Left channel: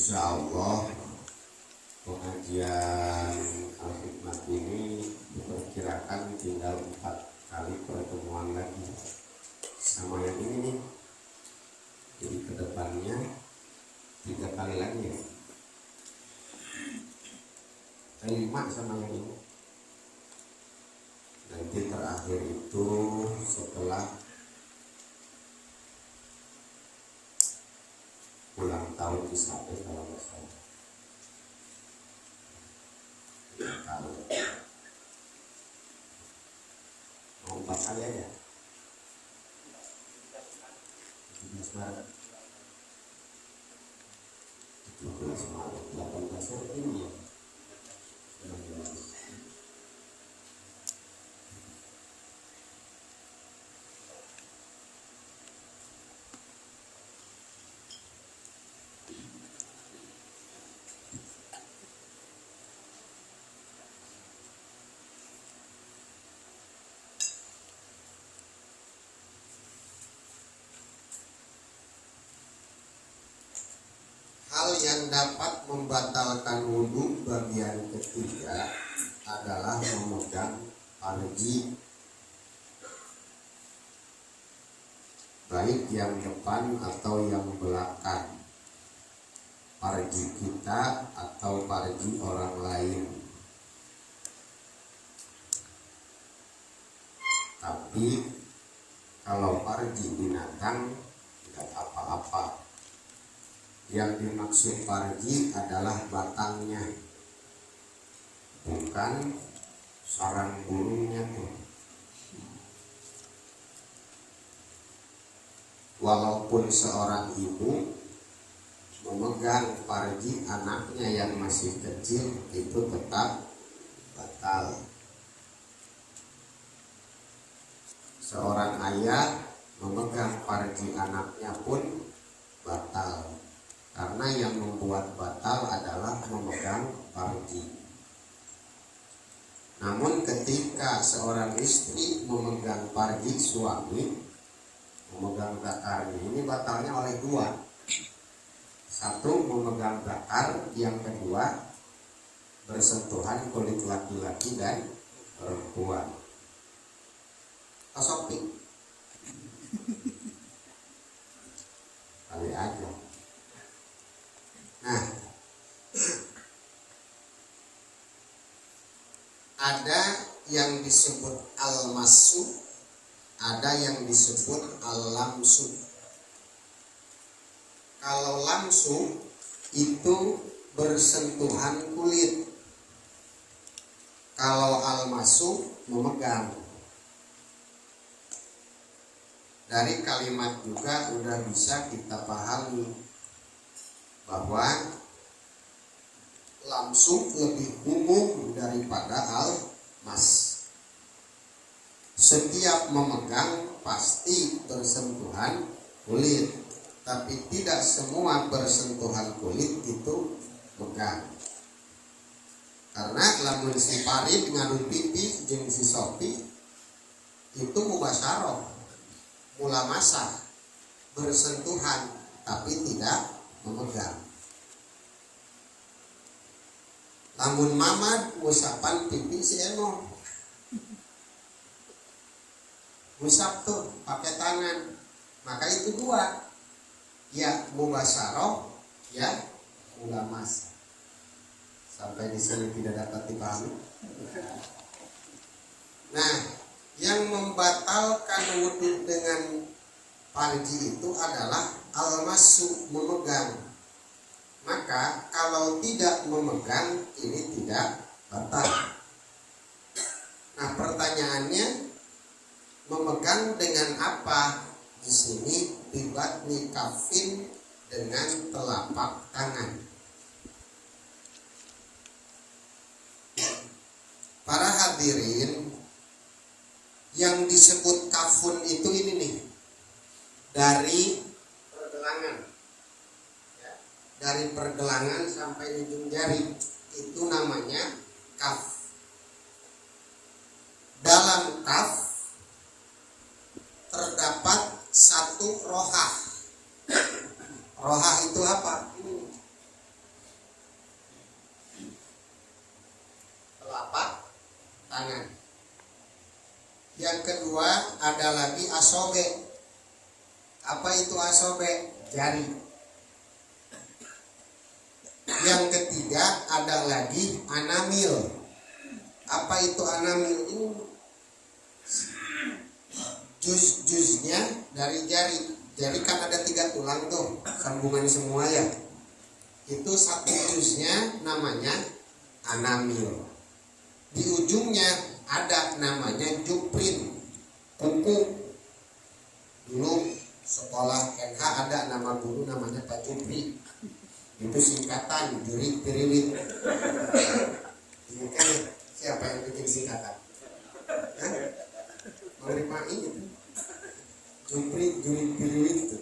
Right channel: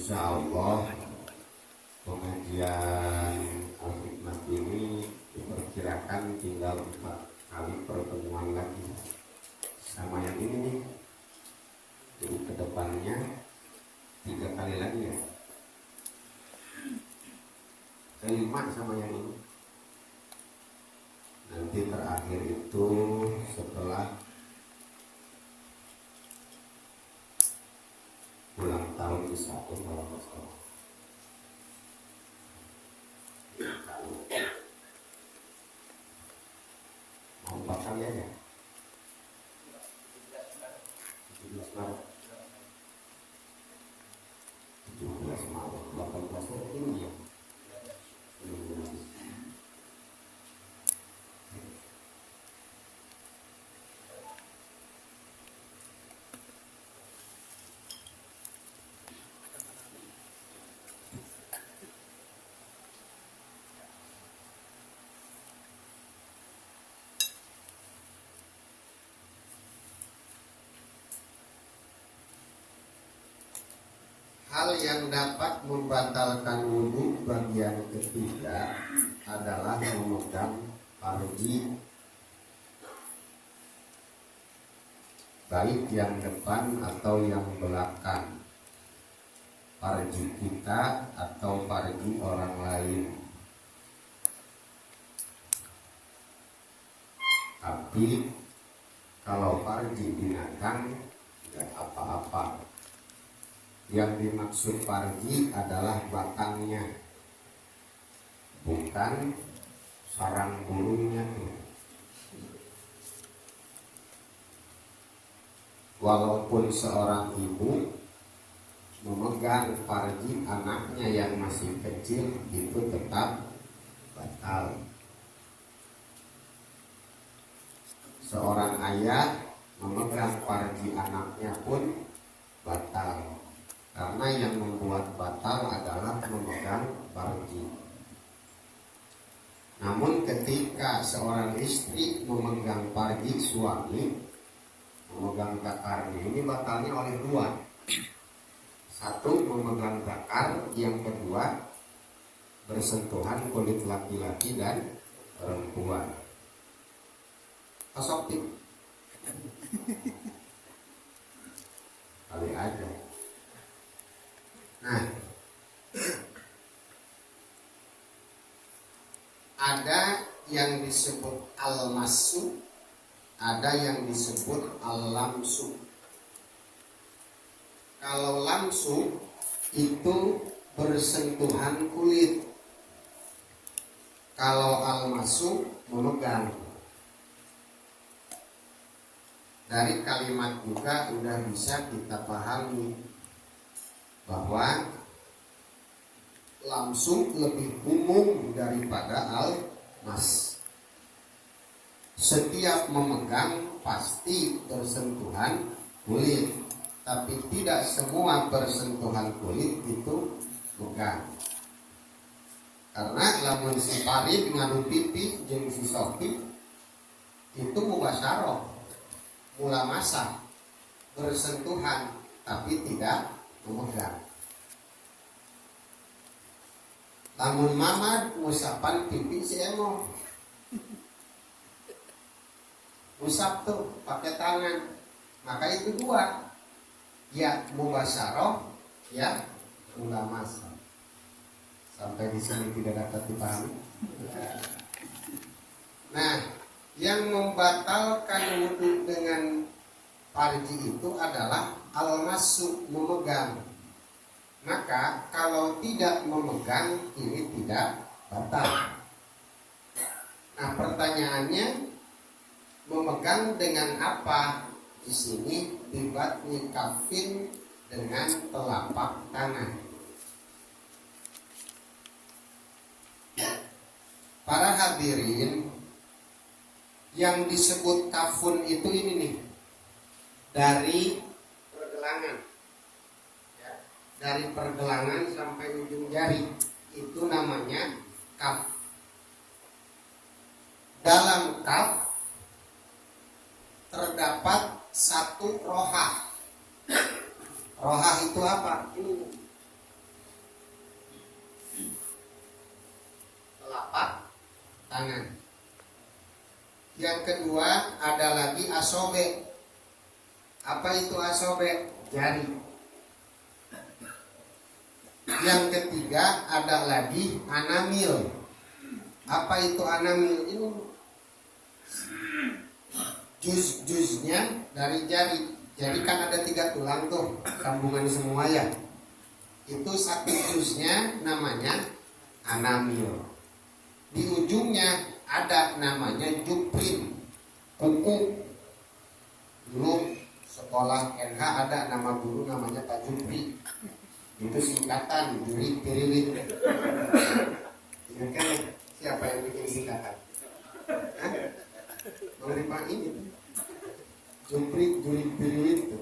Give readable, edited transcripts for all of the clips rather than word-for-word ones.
Insya Allah pengajian Al-Hikmat ini diperkirakan tinggal 4 kali pertemuan lagi sama yang ini nih. Jadi kedepannya 3 kali lagi ya, kelima sama yang ini. Nanti terakhir itu setelah ulang tahun Israel kalau nggak salah. Kalau mau 4 kali aja. 17 Maret, 17 Maret, 18 Maret ini ya. 19. Hal yang dapat membatalkan wudhu bagian ketiga adalah memegang farji, baik yang depan atau yang belakang, farji kita atau farji orang lain. Tapi kalau farji binatang tidak apa-apa. Yang dimaksud farji adalah batangnya, bukan sarang burungnya tuh. Walaupun seorang ibu memegang farji anaknya yang masih kecil, itu tetap batal. Seorang ayah memegang farji anaknya pun batal. Karena yang membuat batal adalah memegang farji. Namun ketika seorang istri memegang farji suami, memegang zakarnya, ini batalnya oleh 2. 1 memegang zakar, yang kedua bersentuhan kulit laki-laki dan perempuan. Tosopik kali aja. Nah, ada yang disebut al-masu, ada yang disebut al-lamsu. Kalau lamsu itu bersentuhan kulit, kalau al-masu memegang. Dari kalimat juga udah bisa kita pahami bahwa langsung lebih umum daripada al-mas. Setiap memegang pasti bersentuhan kulit, tapi tidak semua bersentuhan kulit itu megang. Karena lamun si Farid ngadu pipi jeung si Sofi itu mubasyarah, mula masak, bersentuhan tapi tidak memegang. Lamun Mamad ngusapan pipi si Emo, ngusap tuh pakai tangan, maka itu 2, ya mubasyarah, ya mulamasa. Sampai di sini tidak dapat dipahami. Nah, yang membatalkan wudhu dengan farji itu adalah al-masu, memegang. Maka kalau tidak memegang ini tidak batal. Nah, pertanyaannya memegang dengan apa? Di sini bibatni kafin, dengan telapak tangan. Para hadirin, yang disebut kafun itu ini nih, dari pergelangan, ya, dari pergelangan sampai ujung jari, itu namanya kaf. Dalam kaf terdapat 1 rohah. Rohah itu apa? Ini Yang kedua ada lagi asobe. Apa itu asobe? Jari. Yang ketiga ada lagi anamil. Apa itu anamil? Ini juz-juznya dari jari. Jari kan ada 3 tulang tuh, sambungan semua ya. Itu satu juznya namanya anamil. Di ujungnya ada namanya juprin, kuku. Dulu sekolah NH ada nama guru namanya Pak Jupri. Itu singkatan juri piriwit. Ingat kan siapa yang bikin singkatan? Dari Pak ini Jupri juri piriwit itu.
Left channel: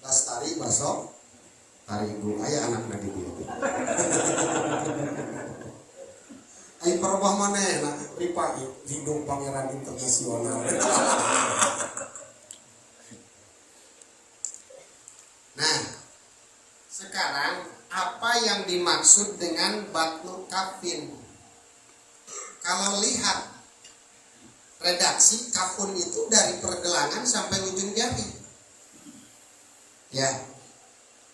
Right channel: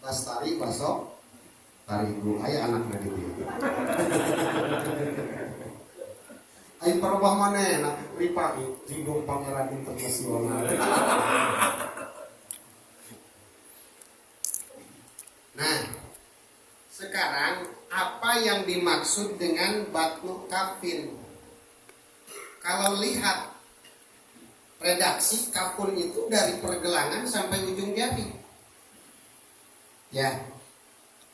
Bastari basok tarigu aya anakna di dieu. Ai perubah manehna Ripa Ridho Pangeran Internasional. Nah, sekarang apa yang dimaksud dengan batnu kafin? Kalau lihat redaksi kafun itu dari pergelangan sampai ujung jari. Ya.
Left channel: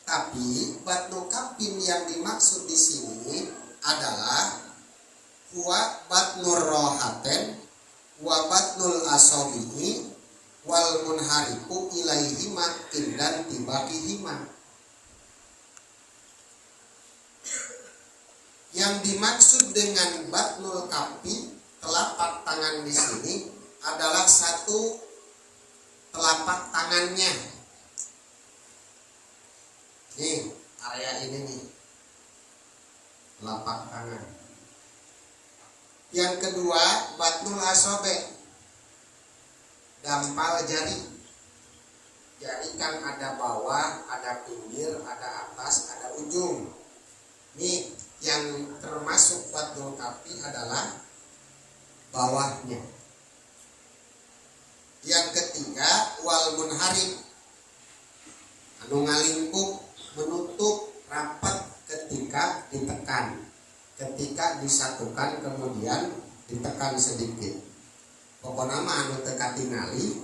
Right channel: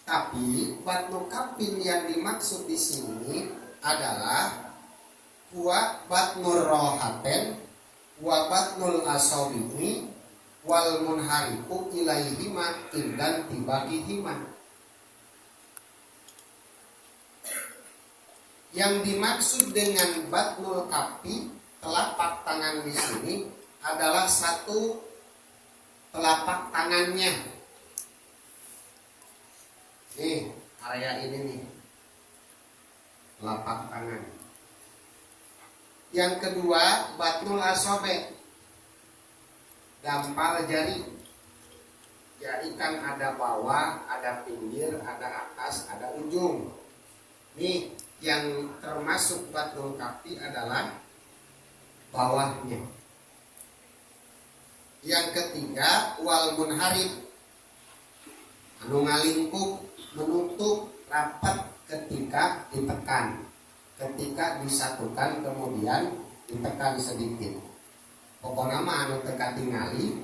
Tapi batnu kafin yang dimaksud di sini adalah huwa batnur rohaten wa batnul asobihi wal munhariku ilaihima indan tibakihima. Yang dimaksud dengan batnul kafi, telapak tangan di sini adalah satu telapak tangannya. Nih, area ini nih. Telapak tangan. Yang kedua, batnul asobe. Dampal jari. Jari kan ada bawah, ada pinggir, ada atas, ada ujung. Nih, yang termasuk batnul kafi adalah bawahnya. Yang ketiga, wal munharib. Anu ngalingkup, menutup rapat ketika ditekan. Ketika disatukan kemudian ditekan sedikit. Pokoknya mah anu teu katingali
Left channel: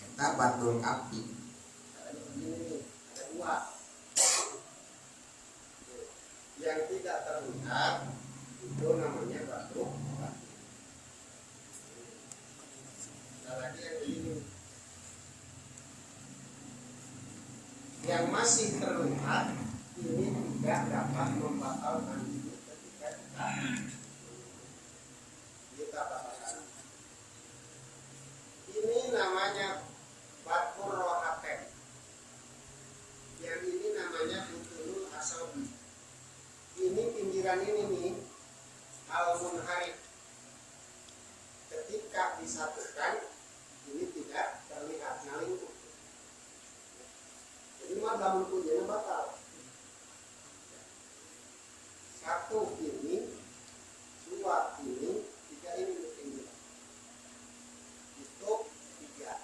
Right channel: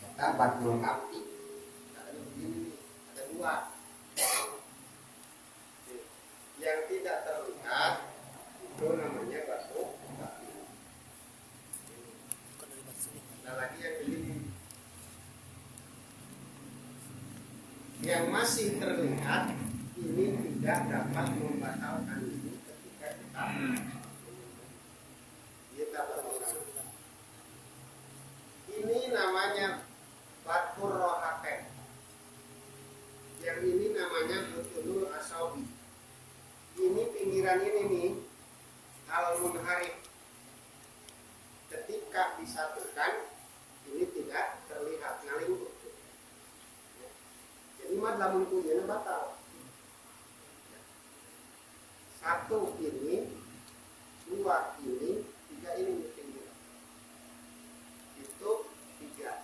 eta batnul kafi. Caranya begini nih, ada 2. Yang tidak terlihat itu namanya batnul kafi. Ada lagi yang begini. Yang masih terlihat ini tidak dapat membatalkan ini ketika kita batalkan. Ini namanya batkur rohaten. Yang ini namanya butunul asabi. Ini pinggiran ini nih al munharib. Ketika disatukan ini tidak terlihat ngalingkup. Jadi mah lamun kunjana batal. 1 ini, 2 ini, 3 ini di pinggir. Itu 3.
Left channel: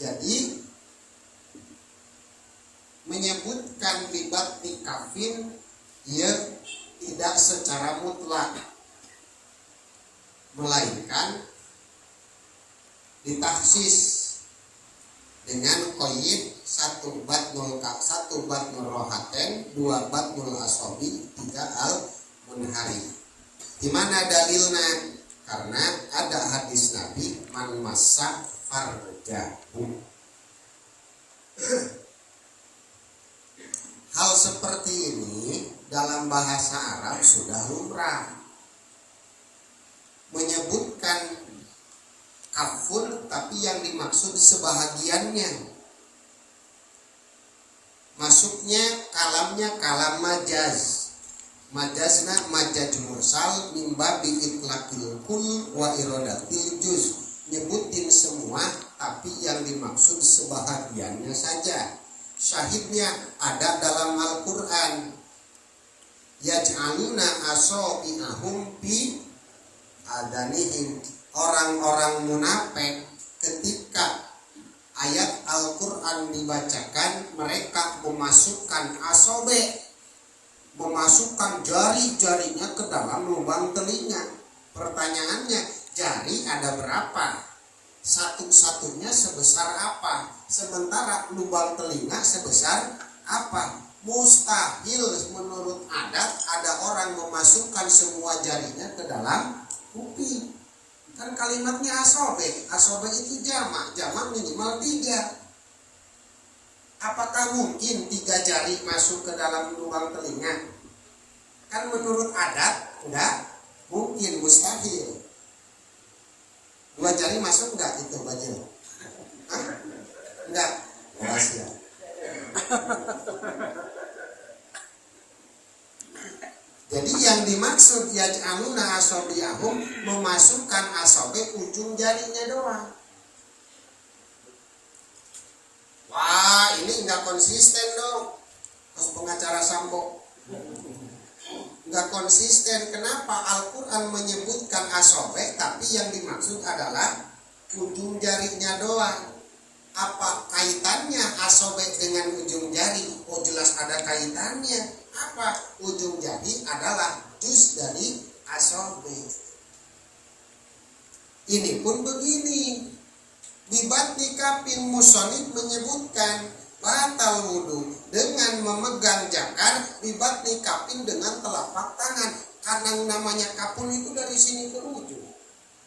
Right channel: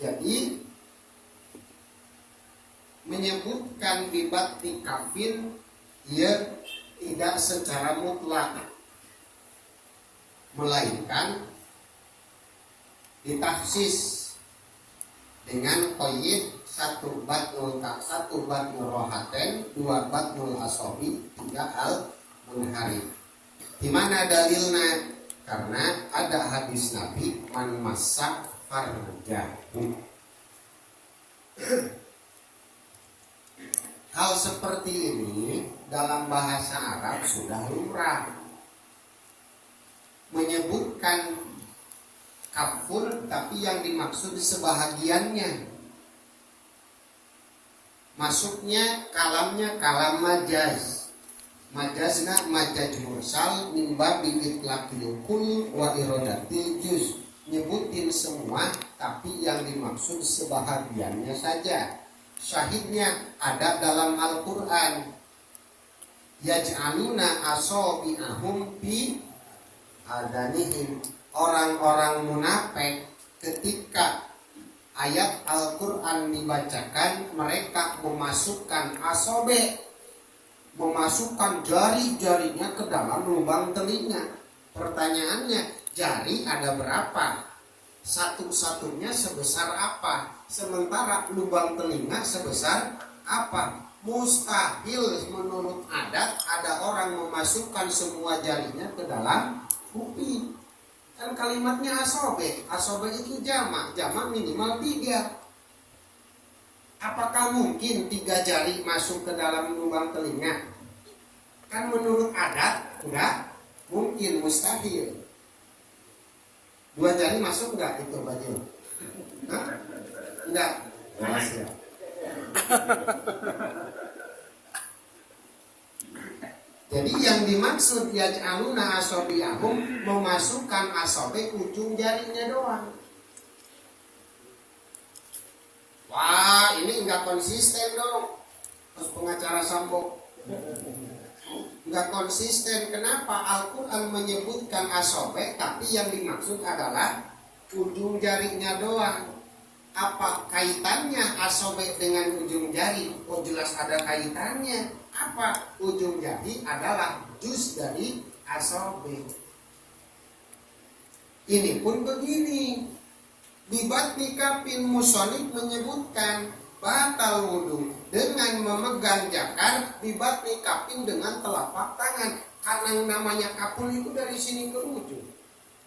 Jadi menyebutkan bibatni kafin ia tidak secara mutlak, melainkan ditahsis dengan qaid 1 batnul rohaten, 2 batnul asobi, 3 al munharib. Di mana dalilnya? Karena ada hadis Nabi man massa farjahu. Hal seperti ini dalam bahasa Arab sudah lumrah. Menyebutkan kafun tapi yang dimaksud sebahagiannya. Masuknya kalamnya kalam majaz. Majazna majaz mursal min babi itlaqil kul wa iradatil juz. Nyebutin semua tapi yang dimaksud sebahagiannya saja. Syahidnya ada dalam Al-Qur'an. Yaj'aluna asabi'ahum fi adanihim. Orang-orang munafik ketika ayat Al-Qur'an dibacakan, mereka memasukkan asobe, memasukkan jari-jarinya ke dalam lubang telinga. Pertanyaannya, jari ada berapa? satu-satunya sebesar apa, sementara lubang telinga sebesar apa. Mustahil menurut adat ada orang memasukkan semua jarinya ke dalam kuping. Kan kalimatnya asobe, asobe itu jamak minimal 3. Apakah mungkin 3 jari masuk ke dalam lubang telinga? Kan menurut adat enggak mungkin, mustahil. 2 jari masuk enggak itu Bajil? Hah? Enggak. Rahasia. Jadi yang dimaksud yaj'aluna asabi'ahum, memasukkan asobe ujung jarinya doang. Wah, ini enggak konsisten dong. Terus pengacara Sambo enggak konsisten. Kenapa Al-Quran menyebutkan asobe tapi yang dimaksud adalah ujung jarinya doang? Apa kaitannya asobe dengan ujung jari? Oh, jelas ada kaitannya. Apa? Ujung jari adalah juz dari asobe. Ini pun begini. Bibatni kafin musonif menyebutkan batal wudu dengan memegang jakar bibatni kafin dengan telapak tangan. Karena namanya kafun itu dari sini ke ujung,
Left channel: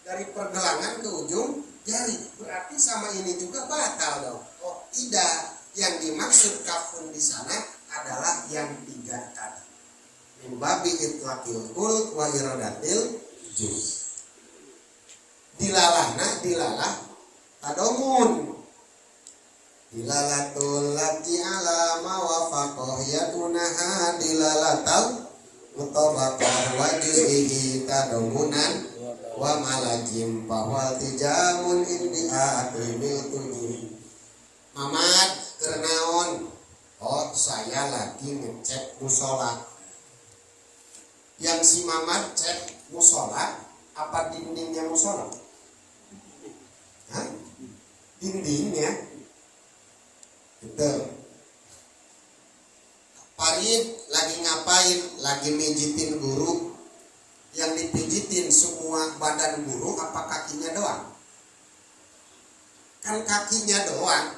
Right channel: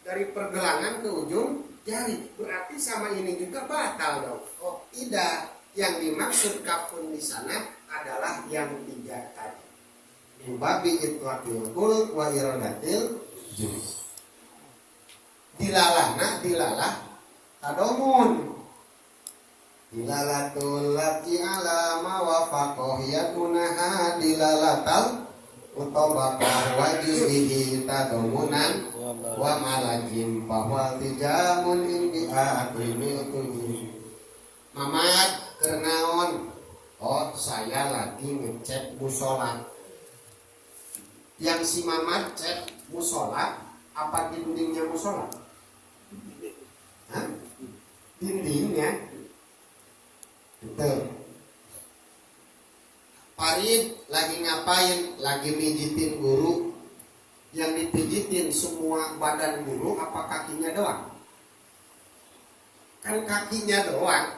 dari pergelangan ke ujung jari. Berarti sama ini juga batal dong. Oh tidak, yang dimaksud kafun di sana adalah yang 3 tadi. Mimbabi itlaqil kul wa iradatil juz. Dilalahna dilalah tadomun. Dilalatul lati ala mawafaqoh yadunaha dilalatal utobakar wa juz'ihi tadomunan wa malajim bahwa tijamun indi akrimi utuhi. Mamad kernaon? Oh, saya lagi ngecek musola. Yang si Mamad cek musola apa dindingnya musola? Hah? Dindingnya. Betul. Farid lagi ngapain? Lagi mijitin guru. Yang dipijitin semua badan guru apa kakinya doang? Kan kakinya doang.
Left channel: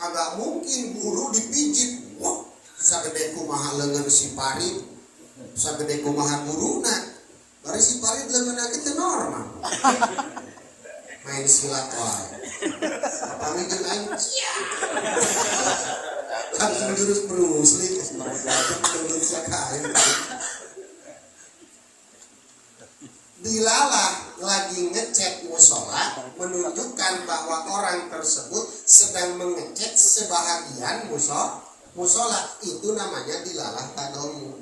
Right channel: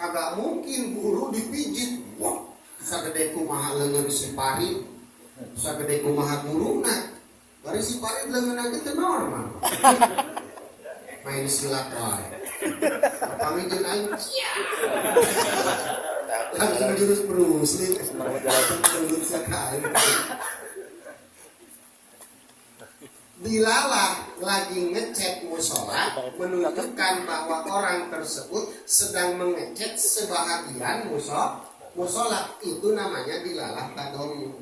Kagak mungkin guru dipijit. Wah, sagede kumaha leungeun si Farid, sagede kumaha guruna. Bari si Farid leungeunna kitu normal. Main silat wae. Pamijit aing cia. Langsung jurus Bruce Lee menurut sakain. Dilalah lagi ngecek musola menunjukkan bahwa orang tersebut sedang mengecek sebahagian musola. Itu namanya dilalah tadomu.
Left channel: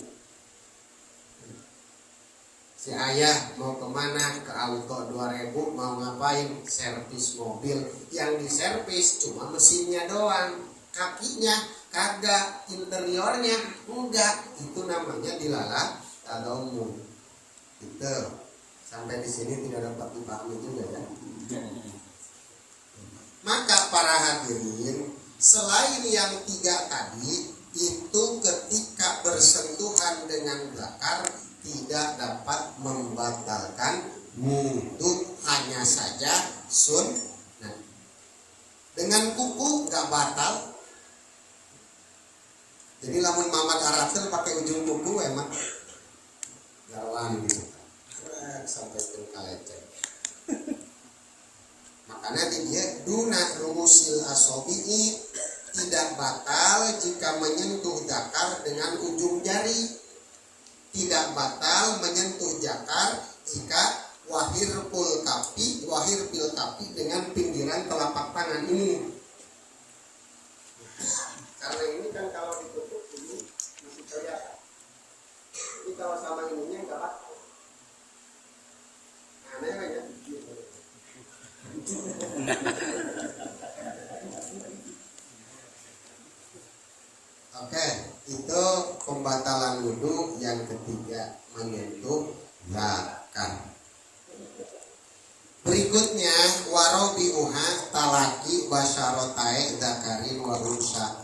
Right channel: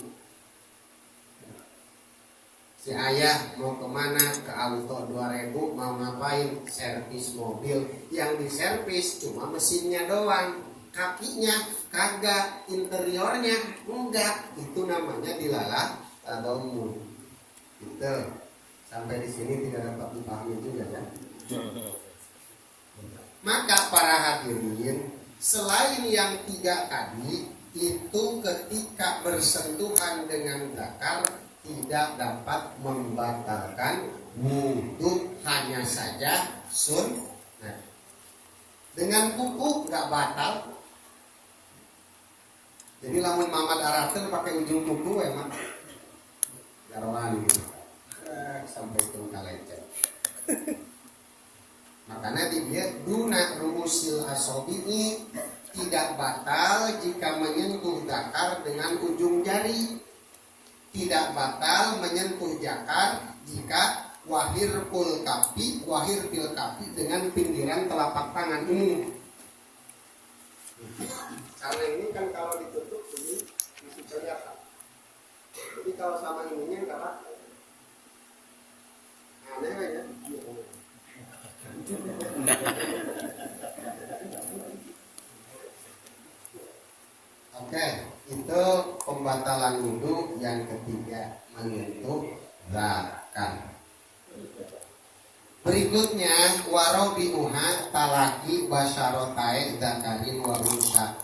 Si ayah mau kemana? Ke Auto 2000, mau ngapain? Servis mobil. Yang diservis cuma mesinnya doang, kakinya kagak, interiornya enggak. Itu namanya dilalah tadomu. Gitu. Sampai di sini tidak dapat dipahami juga ya. Maka para hadirin, selain yang 3 tadi, itu ketika bersentuhan dengan zakar tidak dapat membatalkan wudu, hanya saja sunnah. Dengan kuku nggak batal. Jadi lamun Mamad Arafin pakai ujung kuku emang garwan gitu. Sampai ke kalecet. Makanya dia duna rumusil asobi'i, tidak batal jika menyentuh zakar dengan ujung jari, tidak batal menyentuh zakar jika wahir bil kafi dengan pinggiran telapak tangan ini. Karena ini kan kalau ditutup ini masih kelihatan. Jadi kalau sama ininya nggak batal. Aneh ya. Oke, itu pembatalan wudu yang ketiga, menyentuh zakar. Berikutnya warobiuha talaki basyarotai zakarin wa unsa.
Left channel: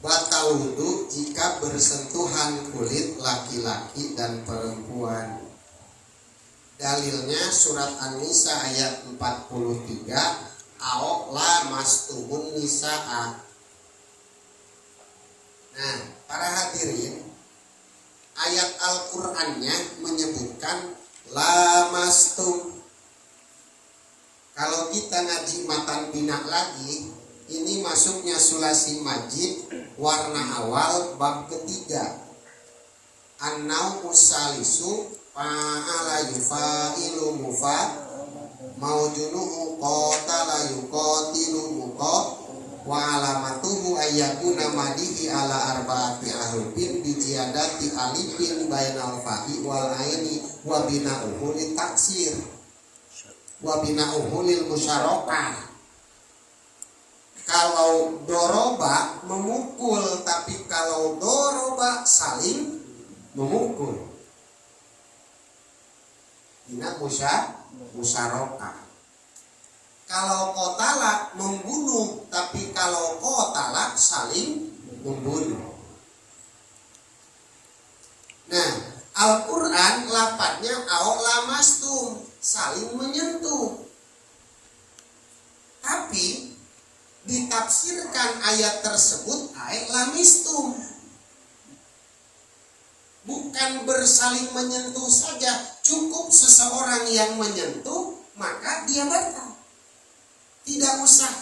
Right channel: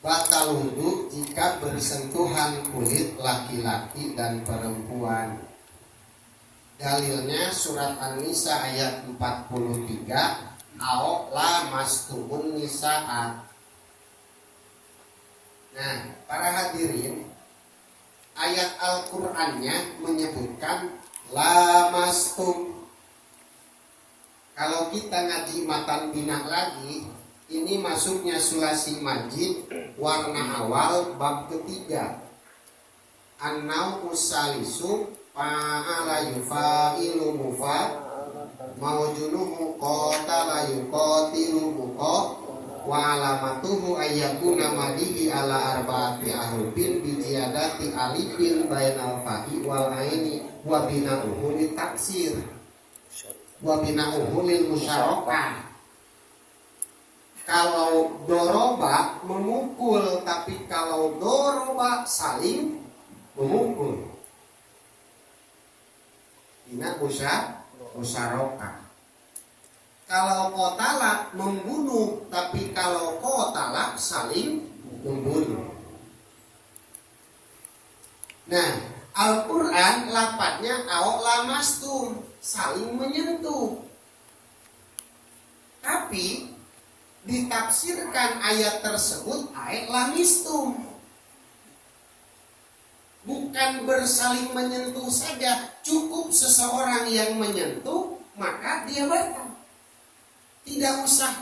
Batal wudu jika bersentuhan kulit laki-laki dan perempuan. Dalilnya surat An-Nisa ayat 43, au lamastumun nisaa. Nah, para hadirin, ayat Al-Qur'annya menyebutkan lamastum. Kalau kita ngaji matan bina lagi, ini masuknya sulasi majid warna awal bab ketiga. An-nau usalisu fa'ala yufa'ilu mufa maujunuhu qatala yuqatilu muqa wa alamatuhu ayyakuna madihi ala arba'ati ahrufin bi ziyadati alifin bainal fa'i wal aini wa bina'uhu litaksir wa bina'uhu lil musyarakah. Kalau doroba memukul, tapi kalau doroba saling memukul. Ina musyarakah. Kalau qatala membunuh, tapi kalau qatala saling membunuh. Nah, Al-Qur'an lafadznya au lamastum, saling menyentuh. Tapi ditafsirkan ayat tersebut ayat lamistum. Bukan bersaling menyentuh saja, cukup seseorang yang menyentuh maka dia batal. Tidak usah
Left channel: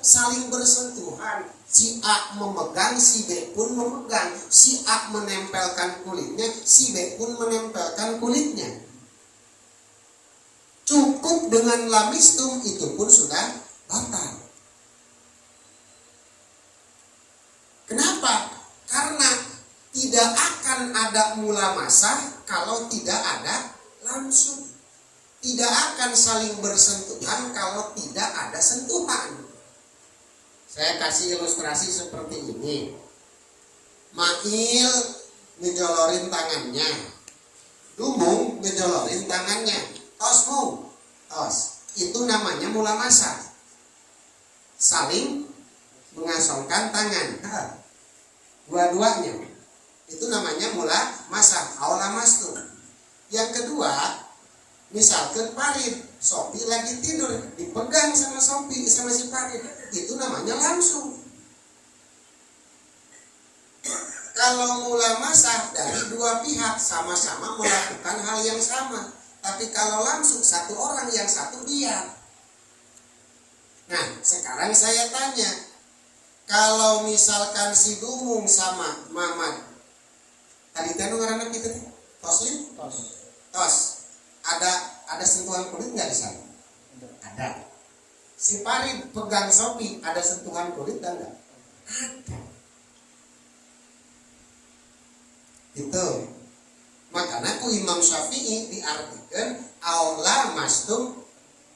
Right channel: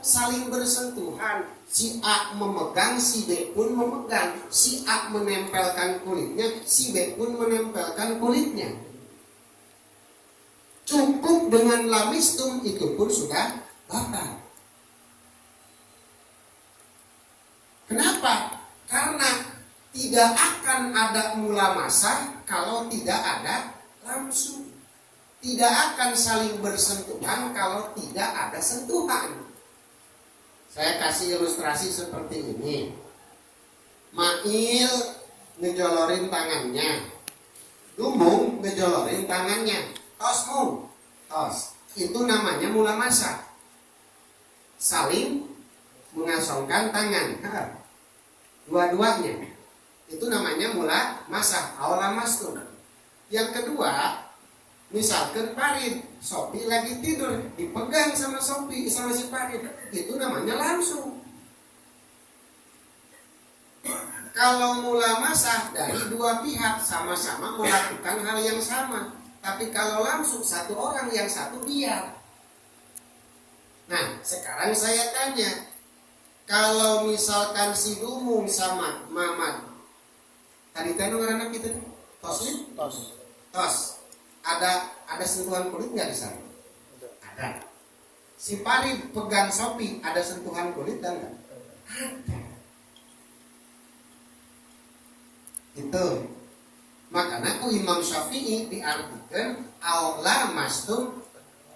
saling bersentuhan. Si A memegang, si B pun memegang. Si A menempelkan kulitnya, si B pun menempelkan kulitnya. Cukup dengan lamistum itu pun sudah batal. Kenapa? Karena tidak akan ada mulamasah kalau tidak ada langsung. Tidak akan saling bersentuhan kalau tidak ada sentuhan. Saya kasih ilustrasi seperti ini. Mail ngejolorin tangannya, Dumung ngejolorin tangannya, tosmu, tos. Itu namanya mulamasah. Saling mengasongkan tangan. Dua-duanya. Itu namanya mula masah, aulamastum. Yang kedua, misalkan Farid, Sopi lagi tidur, dipegang sama Sopi, sama si Farid, itu namanya langsung. Kalau mula masah dari dua pihak sama-sama melakukan hal yang sama. Tapi kalau langsung satu orang, yang satu diam. Nah, sekarang saya tanya, kalau misalkan si Dumung sama Mamat, tadi tadi anak kita Toslim? Tos. Ada sentuhan kulit nggak di sana? Ada. Si Farid pegang Sopi, ada sentuhan kulit dan enggak? Ada. Itu. Makanya Imam Syafi'i diartikan aula mastum,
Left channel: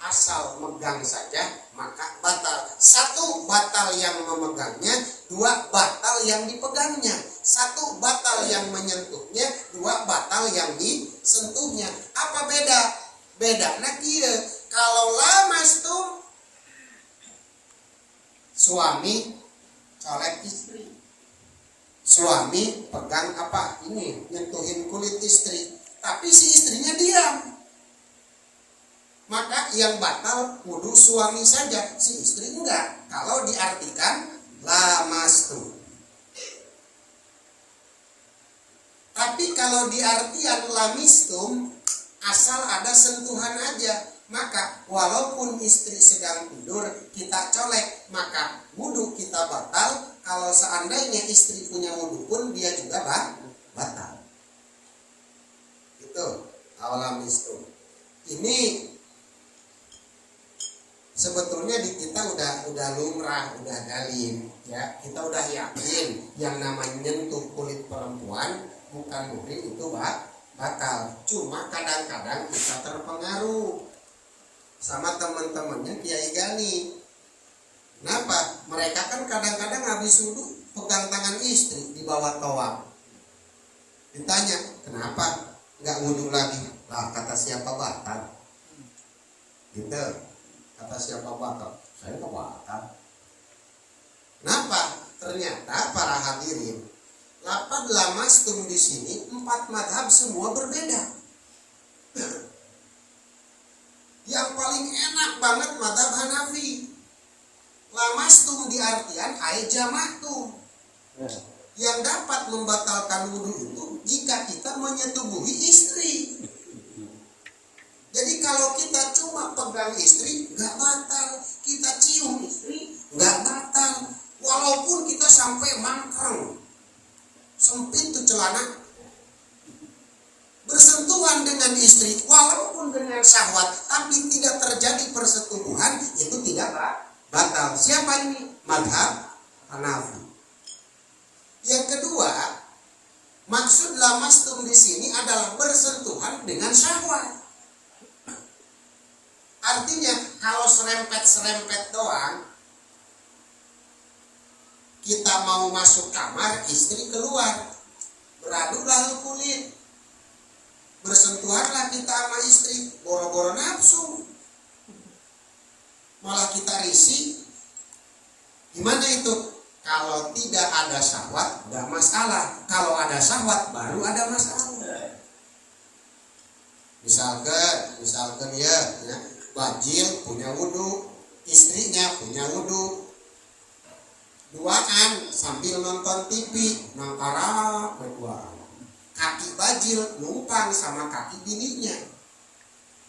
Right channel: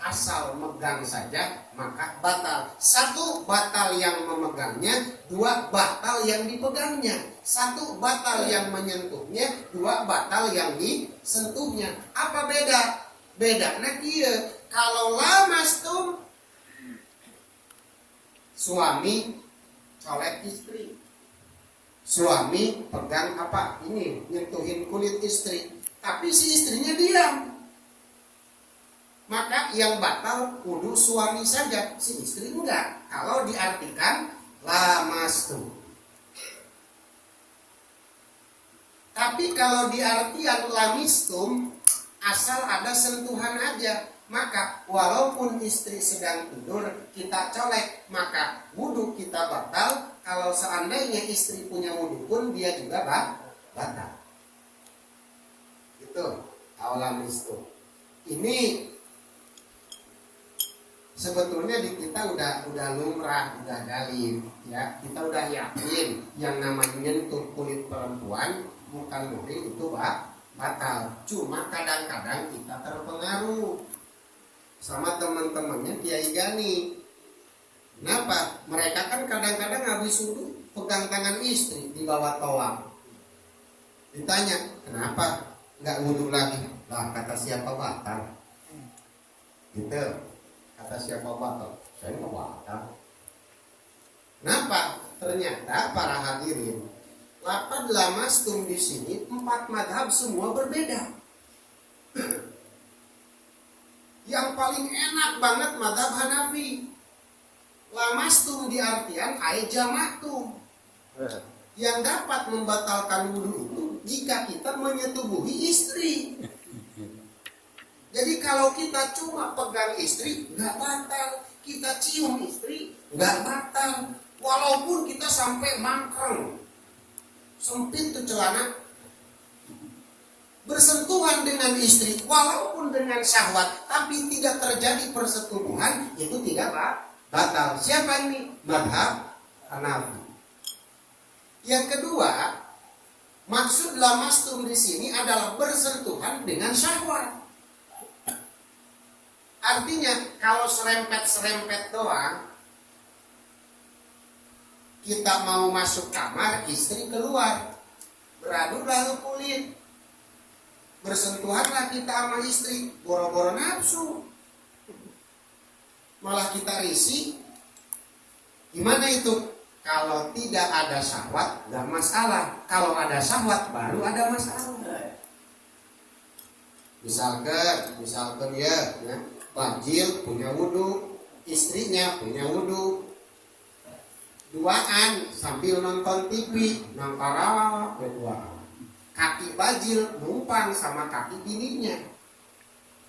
asal megang saja maka batal. Satu, batal yang memegangnya. Dua, batal yang dipegangnya. Satu, batal yang menyentuhnya. Dua, batal yang disentuhnya. Apa beda? Bedanya kieu. Kalau lamastum, suami colek istri. Suami pegang apa? Ini, nyentuhin kulit istri. Tapi si istrinya diam. Maka yang batal kudu suami saja, si istri enggak. Kalau diartikan lamastum. Tapi kalau diartikan lamistum, asal ada sentuhan aja. Maka walaupun istri sedang tidur, kita colek, maka wudu kita batal. Kalau seandainya istri punya wudu pun dia juga batal. Itu lamistum. Ini sebetulnya di kita udah lumrah, udah dalim, ya. Kita udah yakin yang namanya nyentuh kulit perempuan bukan muhrim itu batal. Cuma kadang-kadang kita terpengaruh sama teman-temannya Kiai Gani. Kenapa? Mereka kan kadang-kadang habis wudu pegang tangan istri di bawah tawaf. Ditanya, kenapa nggak wudu lagi? Lah, kata siapa batal? Gitu. Kata siapa batal? Saya nggak batal. Kenapa? Ternyata para hadirin, lafaz lamastum di sini 4 madhab semua berbeda. banget mazhab Hanafi. Lamastum di artian jamatum. Yang dapat membatalkan wudhu itu jika kita menyetubuhi istri. Jadi kalau kita cuma pegang istri nggak batal, kita cium istri nggak batal, walaupun kita sampai mangkreng, sempit tuh celana, bersentuhan dengan istri walaupun dengan syahwat tapi tidak terjadi persetubuhan, itu tidak batal. Siapa ini? Madhab Hanafi. Yang kedua, maksud lamastum di sini adalah bersentuhan dengan syahwat. Artinya kalau serempet-serempet doang, kita mau masuk kamar, istri keluar, beraduk lalu kulit, bersentuhanlah kita sama istri, boro-boro nafsu, malah kita risih. Gimana itu? Kalau tidak ada syahwat nggak masalah, kalau ada syahwat baru ada masalah. Misalkan ya bajil punya wudhu, istrinya punya wudhu, duaan sambil nonton TV, nangkara berdua, kaki bajil numpang sama kaki bininya.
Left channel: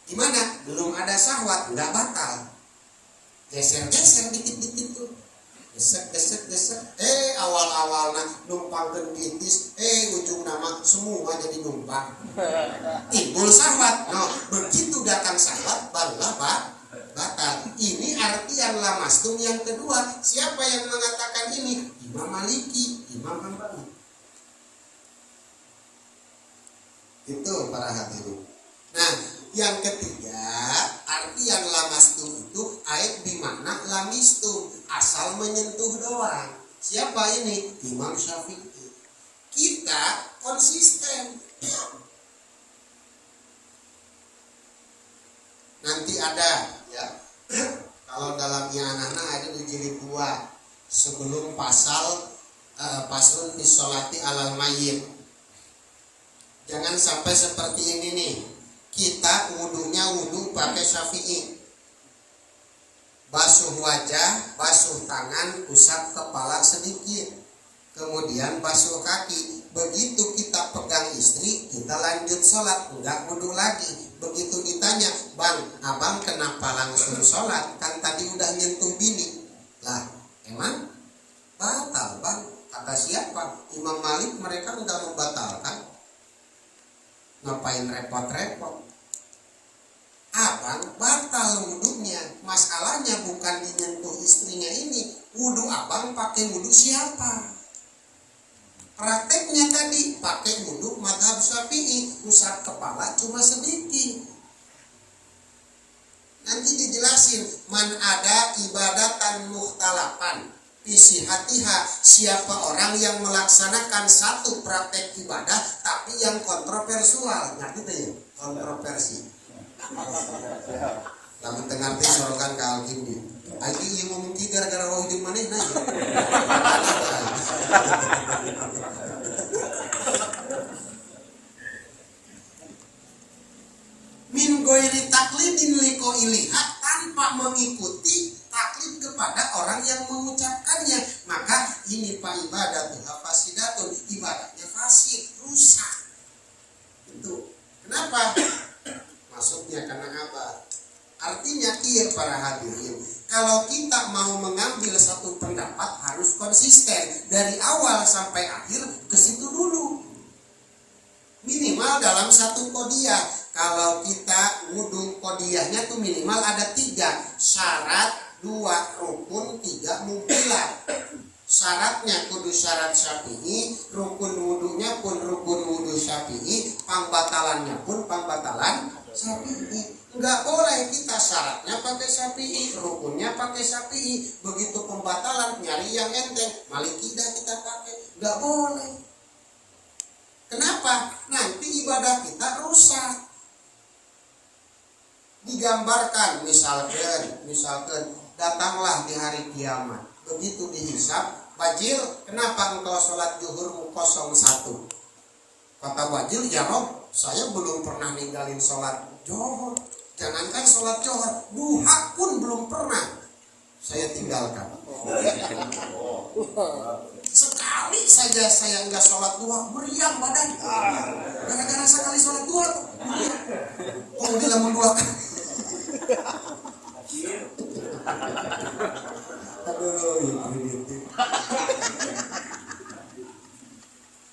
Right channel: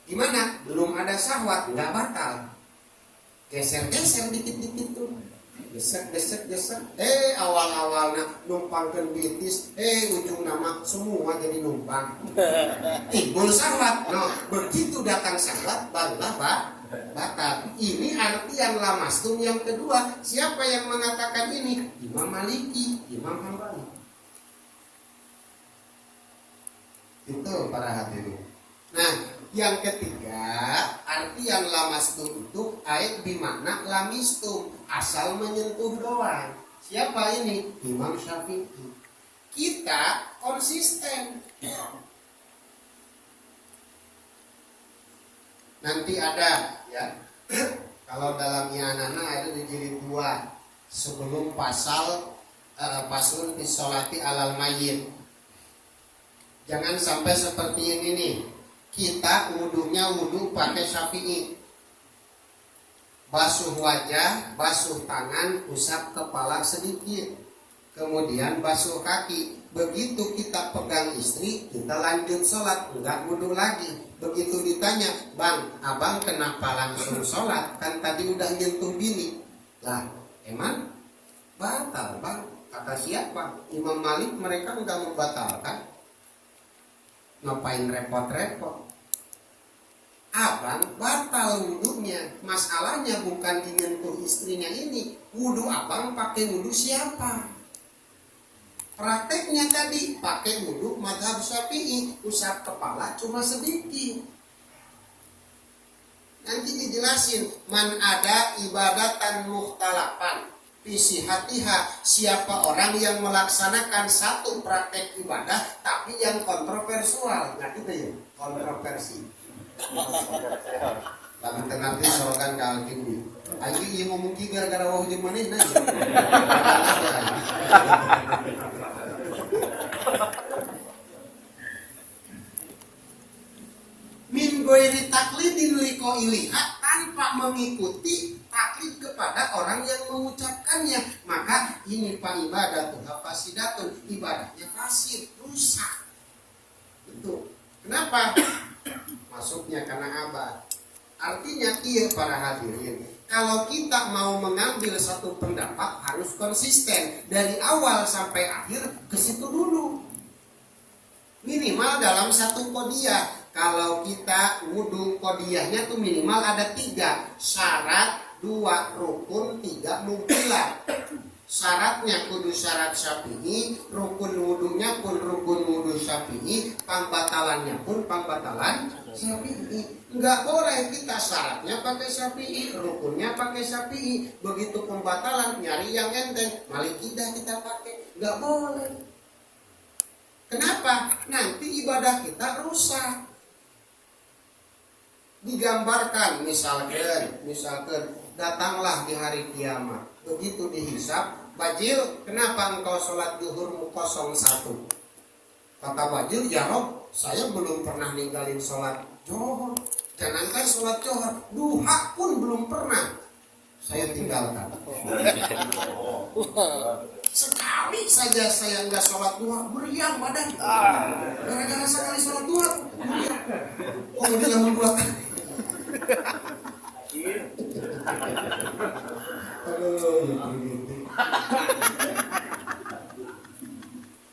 Gimana? Belum ada syahwat, nggak batal. Geser-geser dikit-dikit tuh, gesek. Awal-awalnya numpang ke bitis, ujung nama semua jadi numpang. Timbul syahwat. No, begitu datang syahwat barulah batal. Ini artian lamastum yang kedua. Siapa yang mengatakan ini? Imam Maliki, Imam Hambali. Itu para hadirin. Nah, yang ketiga, artian lamastum itu bimakna lamistum, asal menyentuh doang. Siapa ini? Imam Syafi'i. Kita konsisten. Nanti ada ya. Kalau dalam anak-anak ada di jilid 2 sebelum paslun fi sholati alal mayyit. Jangan sampai seperti ini nih. Kita wudhunya wudhu pakai Syafi'i. Basuh wajah, basuh tangan, usap kepala sedikit, kemudian basuh kaki. Begitu kita pegang istri, kita lanjut sholat, enggak wudhu lagi. Begitu ditanya, bang, abang kenapa langsung sholat? Kan tadi udah nyentuh bini. Lah, emang batal bang? Kata siapa? Imam Malik mereka enggak membatalkan. Ngapain repot-repot? Abang batal wudhunya. Masalahnya bukan dinyentuh istrinya ini. Wudhu abang pakai wudhu siapa? Prakteknya tadi pakai wudhu mazhab Syafi'i, usap kepala cuma sedikit. Nanti dijelasin man ada ibadatan muhtalapan fisihatiha, siapa orang yang melaksanakan satu praktek ibadah tapi yang kontroversial. Ngerti tuh ya? Kontroversi. Lamun tengah teh sorokan ke Al-Kindi. Aing ieu ngomong ki gara-gara wau jeung manehna. Min ghairi taklidin liqailiha, tanpa mengikuti taklid kepada orang yang mengucapkannya, maka ini fa ibadatu fasidatun, ibadahnya fasid, rusak. Itu. Kenapa? Masuknya karena abad. Artinya iya para hadirin, kalau kita mau mengambil satu pendapat harus konsisten dari awal sampai akhir ke situ dulu. Minimal dalam satu qodiyah. Kalau kita wudhu qodiyahnya tuh minimal ada 3 syarat, 2 rukun, 3 mubtilah. Syaratnya kudu syarat Syafi'i, rukun wudhunya pun rukun wudhu Syafi'i, pembatalannya pun pembatalan Syafi'i. Enggak boleh kita syaratnya pakai Syafi'i, rukunnya pakai Syafi'i, begitu pembatalan nyari yang enteng, Malikidah kita pakai. Enggak boleh. Kenapa? Nanti ibadah kita rusak. Digambarkan misalkan datanglah di hari kiamat. Begitu dihisab, Bajil, kenapa engkau sholat zuhur 01? Kata Bajil, ya Rob, saya belum pernah ninggalin sholat zuhur. Jangankan sholat johor, duha pun belum pernah saya tinggalkan. Sekali saja saya nggak sholat duha, meriang badan. Gara-gara sekali sholat duha, meriang. Oh, dia nggak mau duakan.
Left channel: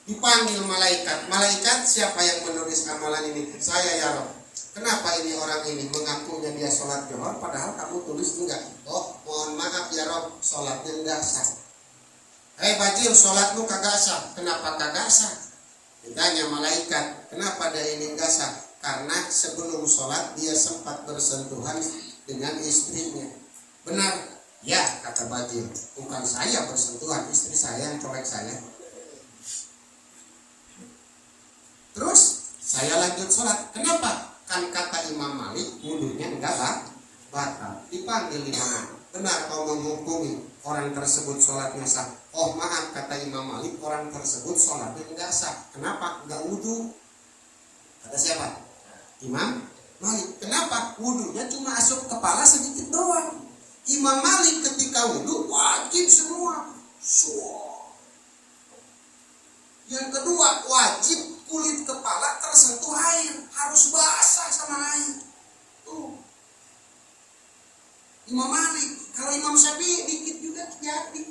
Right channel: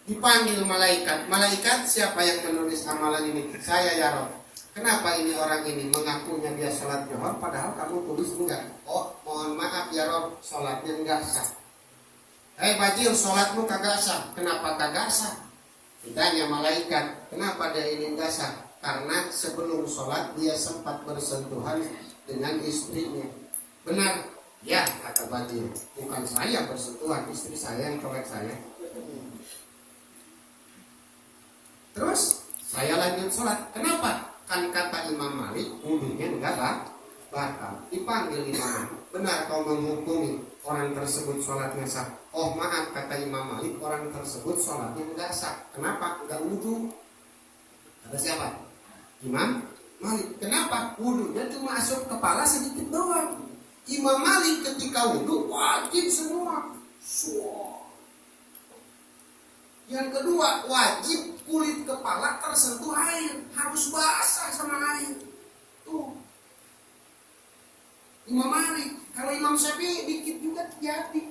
Dipanggil malaikat. Malaikat, siapa yang menulis amalan ini? Saya, ya Rob. Kenapa ini orang ini mengakunya dia sholat johor, padahal kamu tulis enggak? Oh, mohon maaf ya Rob, sholatnya enggak sah. Hei Bajil, sholatmu kagak sah. Kenapa kagak sah? Ditanya malaikat, kenapa dia ini enggak sah? Karena sebelum sholat dia sempat bersentuhan dengan istrinya. Benar? Ya, kata Bajil. Bukan saya bersentuhan, istri saya yang colek saya. Terus saya lanjut sholat. Kenapa? Kan kata Imam Malik, wudunya enggak batal. Dipanggil Imam Malik. Benar kau menghukumi orang tersebut sholatnya sah. Oh maaf, kata Imam Malik, orang tersebut sholatnya enggak sah. Kenapa? Enggak wudu. Kata siapa? Imam Malik. Kenapa? Wudunya cuma asup kepala sedikit doang. Imam Malik ketika wudu wajib semua. Yang kedua, wajib kulit kepala tersentuh air, harus basah sama air. Tuh. Imam Malik. Kalau Imam Syafi'i dikit juga jadi.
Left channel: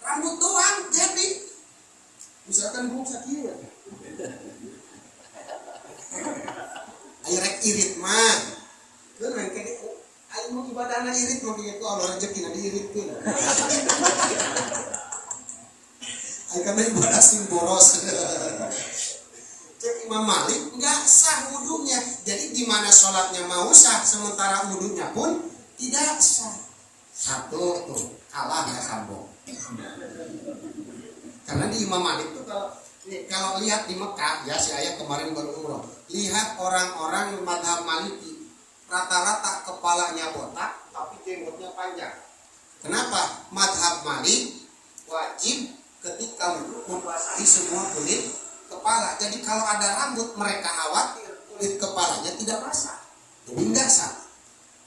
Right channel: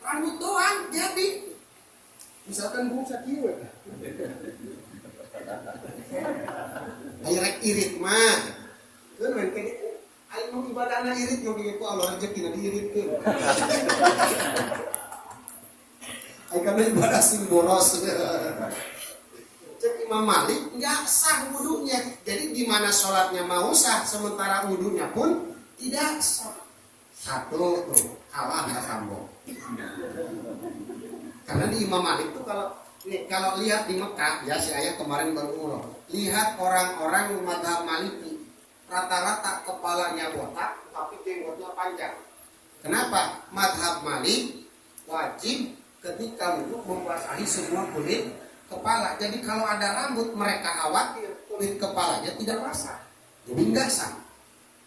Rambut doang jadi. Misalkan bung sakieu. Ayo rek irit mah. Keun men kene ayo mau ibadahna irit mah kieu Allah rezekina diiritkeun. Ayo kana ibadah sing boros. Cek Imam Malik nggak sah wudunya. Jadi gimana sholatnya mau sah sementara wudunya pun tidak sah. Satu tuh kalah nggak sambung. Karena di Imam Malik tuh kalau lihat di Mekah ya, si ayah kemarin baru umroh, lihat orang-orang mazhab Maliki rata-rata kepalanya botak tapi jenggotnya panjang. Kenapa? Mazhab Malik wajib ketika wudu membasahi semua kulit kepala. Jadi kalau ada rambut mereka khawatir kulit kepalanya tidak basah. Jadi enggak sah.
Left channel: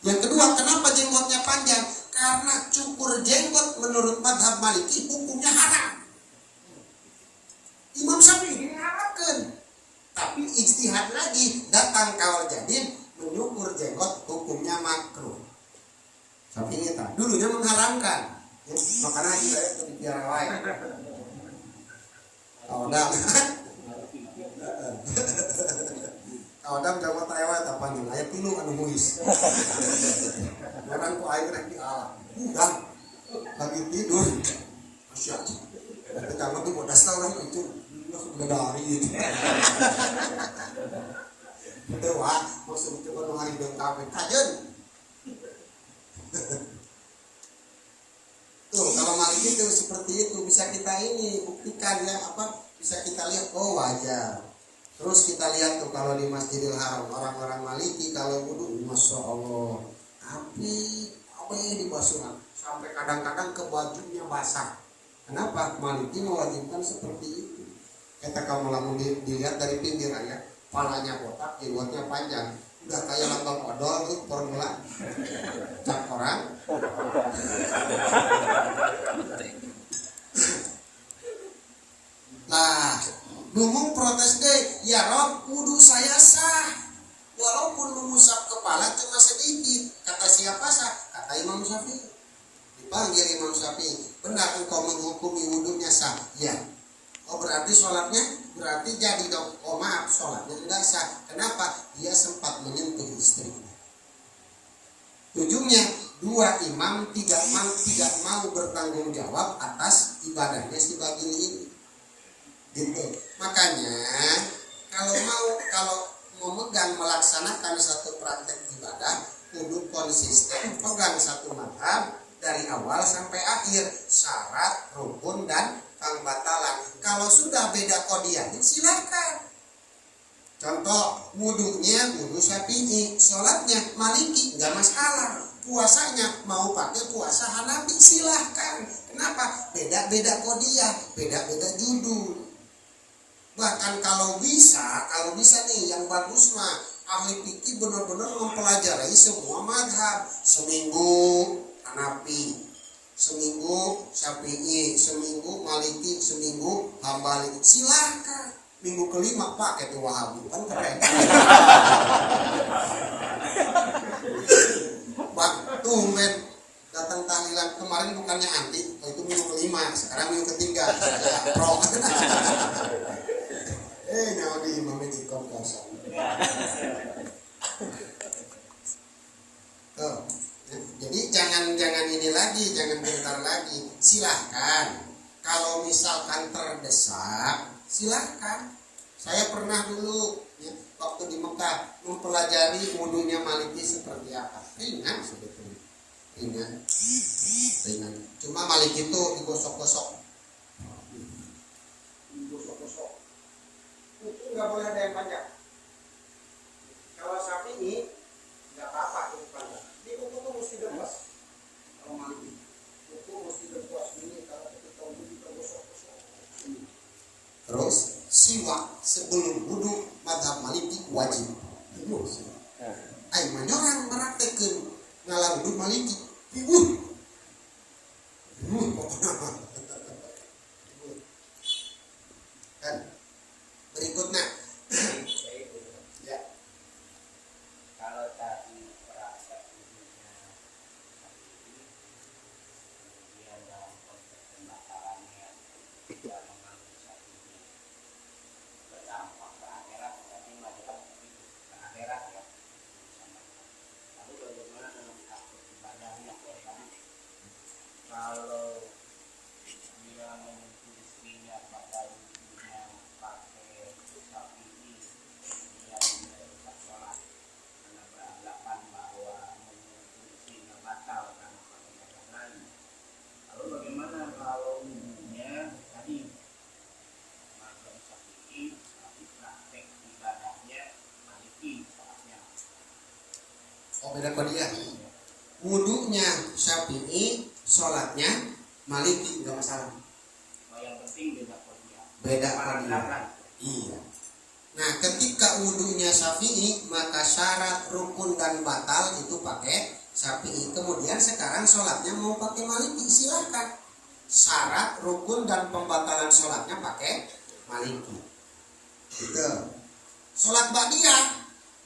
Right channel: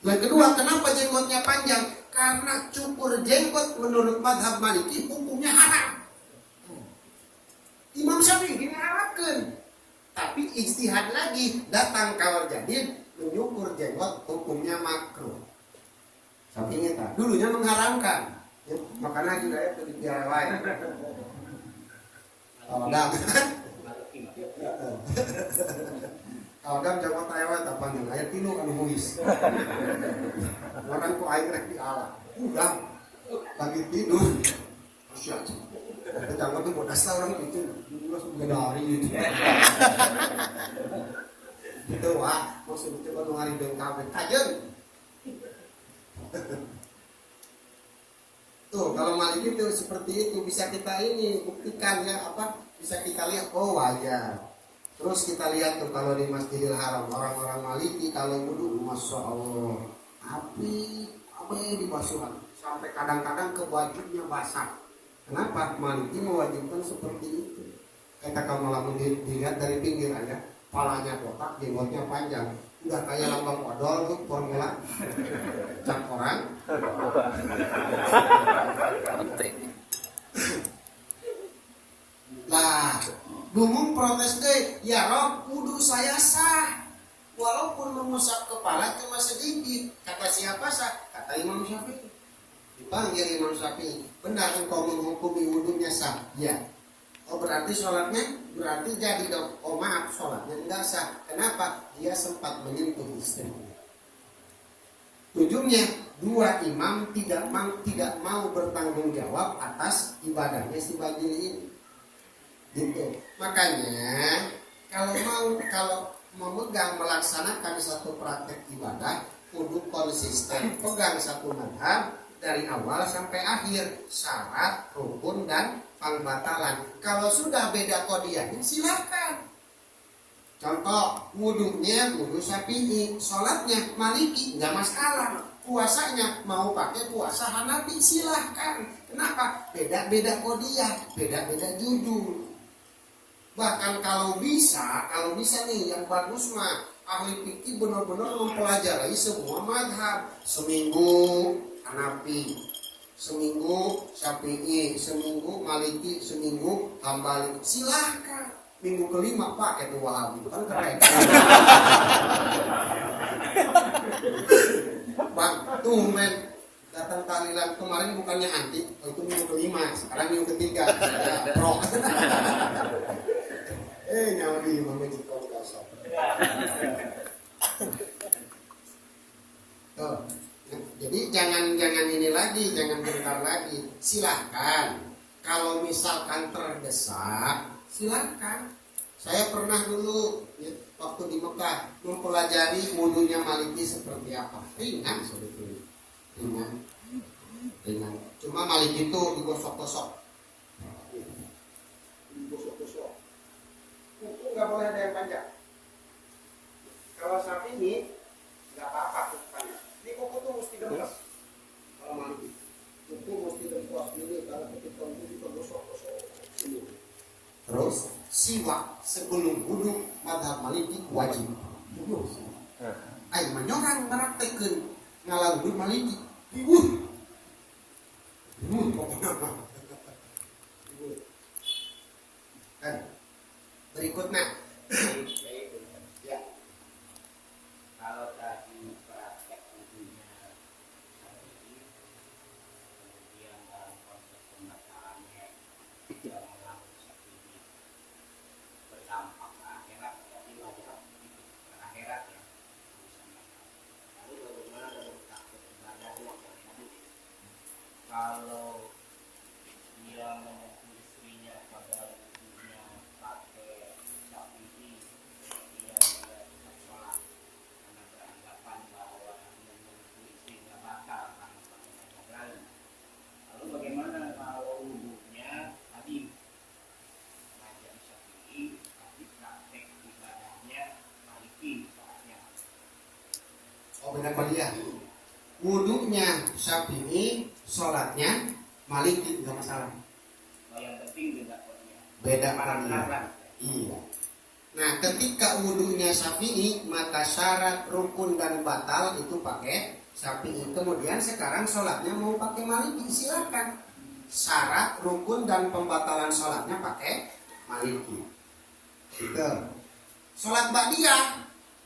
Yang kedua, kenapa jenggotnya panjang? Karena cukur jenggot menurut mazhab Maliki hukumnya haram. Imam Syafi'i diharapkan. Tapi ijtihad lagi, datang kawal jadid menyukur jenggot hukumnya makruh. Syafi'i tak dulunya mengharamkan. Ya, makanya juga itu dipiara wae. Odang. Odang jawa tayawa tak panjang aya 3 anu muis. Orang ku aing rek di alam. Udang. Lagi tidur. Asyik. Jangan tuh bodas lah orang itu. Sudah dari itu. Itu wah, maksud coba nu hari bengkak kajen. Tuh kalau Maliki itu seperti itu bisa kita ini buktikan ya apa bisa kita lihat oh wajar. Terus kita lihat tuh kalau di Masjidil Haram orang-orang Maliki kalau wudu masya Allah api apa yang dibasuhan sampai kadang-kadang ke bajunya basah. Kenapa? Maliki mewajibkan seperti itu. Kita kalau lamun dilihat dari pinggir aja, palanya botak, jenggotnya panjang. Udah kayak lambang odol tuh formula cap orang. Lah, dumung protes deh, ya Rob, wudu saya sah. Walaupun mengusap kepala cuma sedikit. Kata siapa sah? Kata Imam Syafi'i. Dipanggil Imam Syafi'i, benar engkau menghukumi wudunya sah? Ya. Oh berarti sholatnya, berarti jadi dong. Oh maaf, sholatnya enggak sah. Kenapa? Dia sempat menyentuh istrinya. Ujungnya, dua imam tidak mau bertanggung jawab atas ibadahnya si Bagil ini. Gitu. Makanya kalau memegang melaksanakan satu praktek ibadah, kudu konsisten, pegang satu madhab dari awal sampai akhir, syarat, rukun dan pangbatalan. Kalau sudah beda kodiahnya silakan. Contoh, wudunya wudu Syafi'i, sholatnya Maliki, nggak masalah. Puasanya mau pakai puasa Hanafi silahkan. Kenapa? Beda-beda kodiah, beda-beda judul. Bahkan kalau bisa nih yang bagus mah ahli fikih benar-benar mempelajari semua madhab. Seminggu Hanafi, seminggu Syafi'i, seminggu Maliki, seminggu Hambali. Silahkan. Minggu kelima Pak itu Wahabi, kan keren. Bang, tumben datang tahlilan kemarin bukannya anti, oh itu minggu kelima, sekarang minggu ketiga, saya pro. Nyawa di memedikom kosong. Tuh, jadi jangan ini lagi, jangan bentar lagi. Silahkan. Kalau misalkan terdesak, silahkan. Saya pernah dulu ya, waktu di Mekah mempelajari wudunya Maliki seperti apa. Ringan sebetulnya, ringan. Cuma Maliki itu digosok-gosok. Itu nggak boleh ada yang panjang. Kalau Syafi'i nggak apa-apa kuku panjang. Di kuku tuh mesti dempes. Kalau Maliki, kuku mesti dempes ini. Kalau ketika wudu kita gosok-gosok sini. Terus siwak sebelum wudu mazhab Maliki wajib. Ai manyorang meraktekeun ngalah wudu Maliki. Kan berikutnya ya. Kalau tadi praktek wudunya kemudian dalam konteks pembatalannya tidak mengambil Syafi'i berdampak ke akhirat, berarti wajib ke akhirat ya. Lalu bagaimana dalam takut ibadahnya kalau dia menyentuh istrinya pada wudunya pakai Syafi'i, dia tetap sholat karena beranggapan bahwa menyentuh istrinya batal karena pakai yang lain. Lalu bagaimana kalau wudunya tadi mazhab Syafi'i tapi praktek ibadahnya Maliki saatnya? Oh beda dia. Wudunya Syafi'i, sholatnya Maliki nggak masalah. Yang penting beda kodnya. Beda kodnya. Iya. Nah, ketika wudunya Syafi'i, maka syarat, rukun dan batal itu pakai Syafi'i. Kemudian sekarang sholatnya mau pakai Maliki, silakan. Syarat, rukun dan pembatalan sholatnya pakai Maliki. Gitu. Sholat ba'diyah,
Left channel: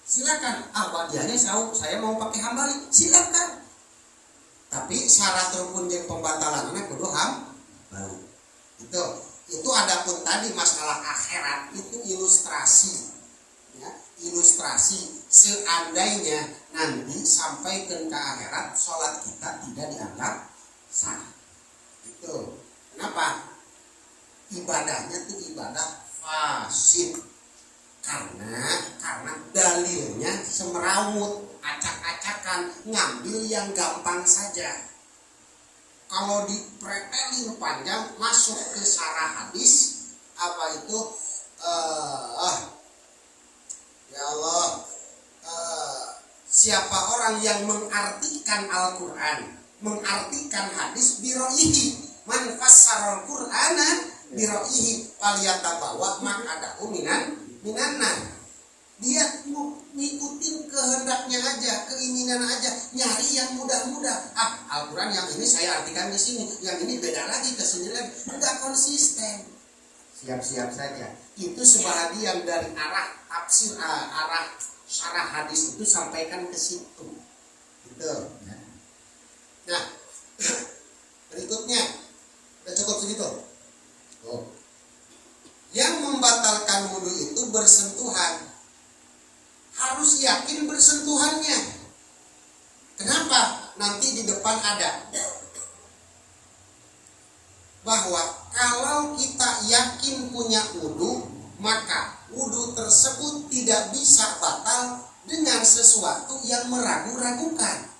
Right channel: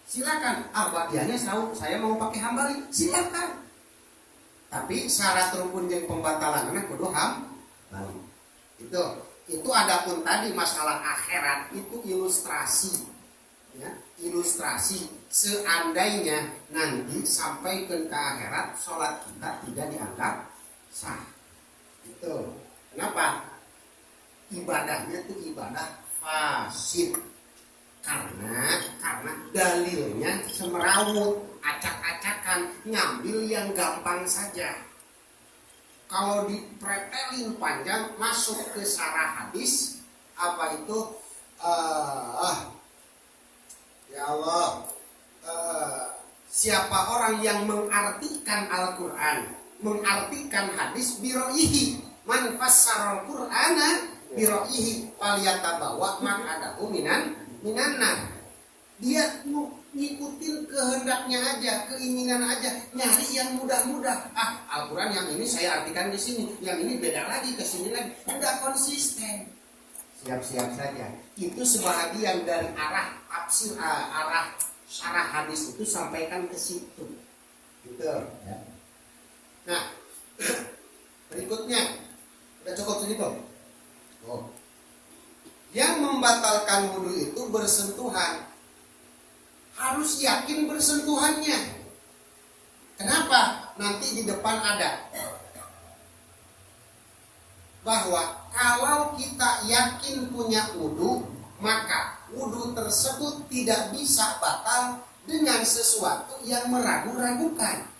silakan. Ba'diyahnya saya mau pakai Hambali, silakan. Tapi syarat rukun dan pembatalannya kudu Hambali. Itu adapun tadi masalah akhirat itu ilustrasi ya, ilustrasi seandainya nanti sampai ke akhirat sholat kita tidak dianggap sah. Itu kenapa? Ibadahnya itu ibadah fasid karena dalilnya semerawut, acak-acakan, ngambil yang gampang saja. Kalau dipretelin panjang masuk ke syarah hadis apa itu ya Allah, siapa orang yang mengartikan Al-Quran, mengartikan hadis biroihi, man fassarul Qur'ana biroihi faliyatabawa maq'adahu minannar. Dia mau ngikutin kehendaknya aja, keinginan aja, nyari yang mudah-mudah. Al-Quran yang ini saya artikan ke sini, yang ini beda lagi ke sini lagi. Enggak konsisten. Siap-siap saja. Itu sebahagian dari arah tafsir, arah syarah hadis itu sampaikan ke situ. Gitu. Nah, berikutnya udah cukup segitu. Yang membatalkan wudu itu bersentuhan. Harus yakin bersentuhannya. Kenapa? Nanti di depan ada bahwa kalau kita yakin punya wudu, maka wudu tersebut tidak bisa batal dengan sesuatu yang meragu-ragukan.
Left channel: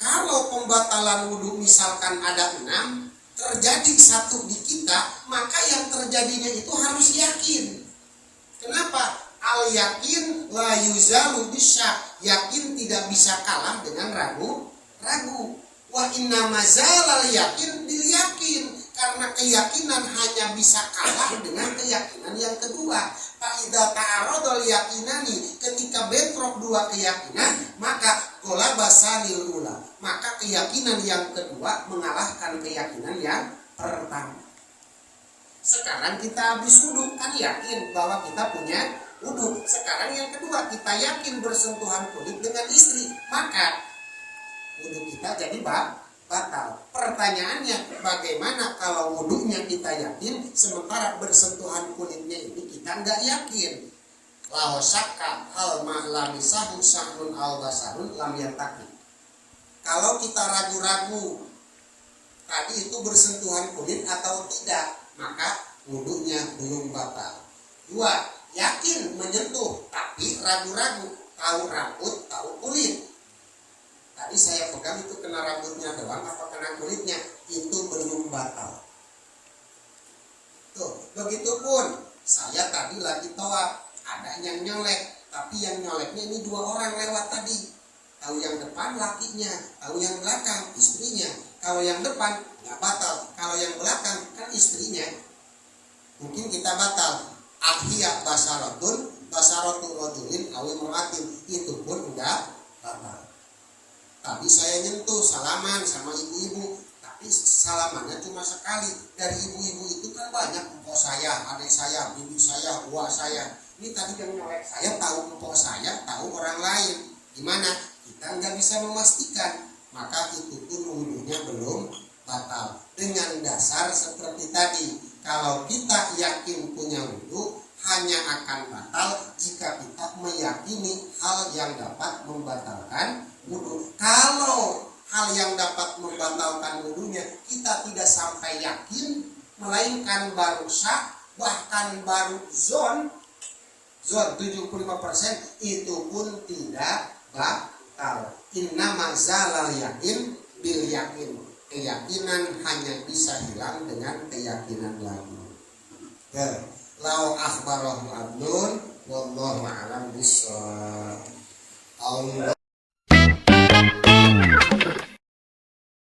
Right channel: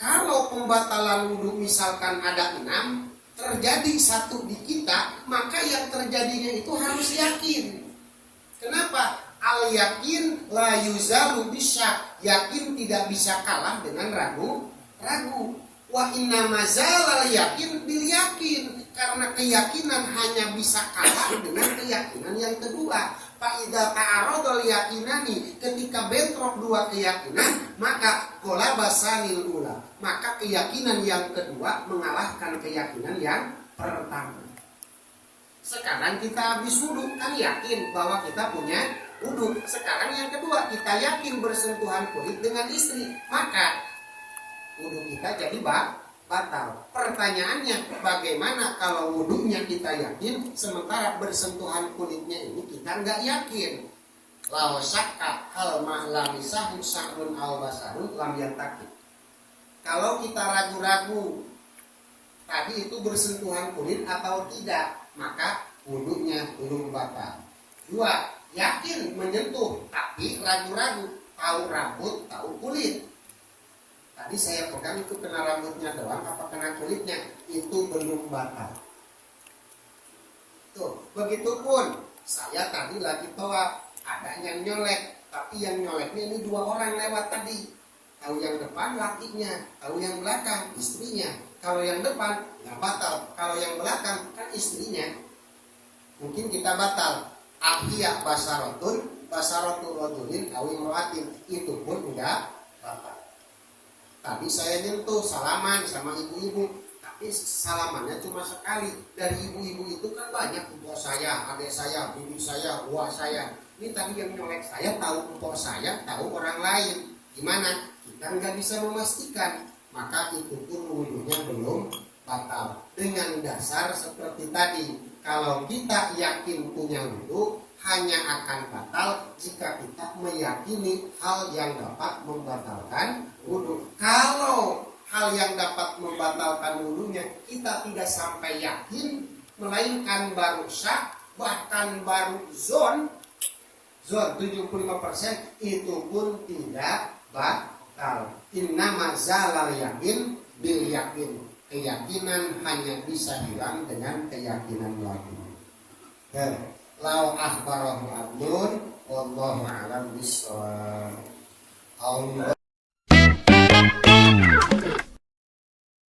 Kalau pembatalan wudu misalkan ada 6, terjadi 1 di kita, maka yang terjadinya itu harus yakin. Kenapa? Al yakin la yuzalu bisyak. Yakin tidak bisa kalah dengan ragu. Wa inna mazalal yakin bil yakin. Karena keyakinan hanya bisa kalah dengan keyakinan yang kedua. Fa'idza ta'aradul yakinani, ketika bentrok dua keyakinan, maka qolabasanil ula, maka keyakinan yang kedua mengalahkan keyakinan yang pertama. Sekarang kita habis wudhu, kan yakin bahwa kita punya wudhu. Sekarang yang kedua, kita yakin bersentuhan kulit dengan istri, maka wudhu kita jadi batal. Pertanyaannya, bagaimana kalau wudhunya kita yakin, sementara bersentuhan kulitnya ini kita nggak yakin? Lau syakka hal ma'lamisahu sahrun al basarun lam yantaki. Kalau kita ragu-ragu tadi itu bersentuhan kulit atau tidak, maka wudhunya belum batal. Dua, yakin menyentuh tapi ragu-ragu, tahu rambut tahu kulit. Tadi saya pegang itu kena rambutnya doang apa kena kulitnya, itu belum batal. Tuh, begitupun saya tadi lagi tawaf, ada yang nyolek, tapi yang nyoleknya ini dua orang lewat tadi. Tahu yang depan lakinya, tahu yang belakang istrinya. Kalau yang depan nggak batal, kalau yang belakang kan istrinya. Mungkin kita batal. Ahya basaratun rajulin aw imra'atin, itu pun enggak batal. Tadi saya nyentuh salaman sama ibu-ibu, tapi salamannya cuma sekali. Dari ibu-ibu itu kan banyak, empok saya, adik saya, bibi saya, uak saya. Ini tadi yang nyolek saya tahu empok saya, tahu orang lain. Gimana? Kita nggak bisa memastikan, maka itu pun wudhunya belum batal. Dengan dasar seperti tadi, kalau kita yakin punya wudhu, hanya akan batal jika kita meyakini hal yang dapat membatalkan wudhu. Kalau hal yang dapat membatalkan wudhunya kita tidak sampai yakin, melainkan baru syak, bahkan baru zon 75%, itu pun tidak batal. Innama zalal yakin bil yakin. Keyakinan hanya bisa hilang dengan keyakinan lagi. Ya, lau akhbarahu abdun wallahu a'lam bishawab. Allah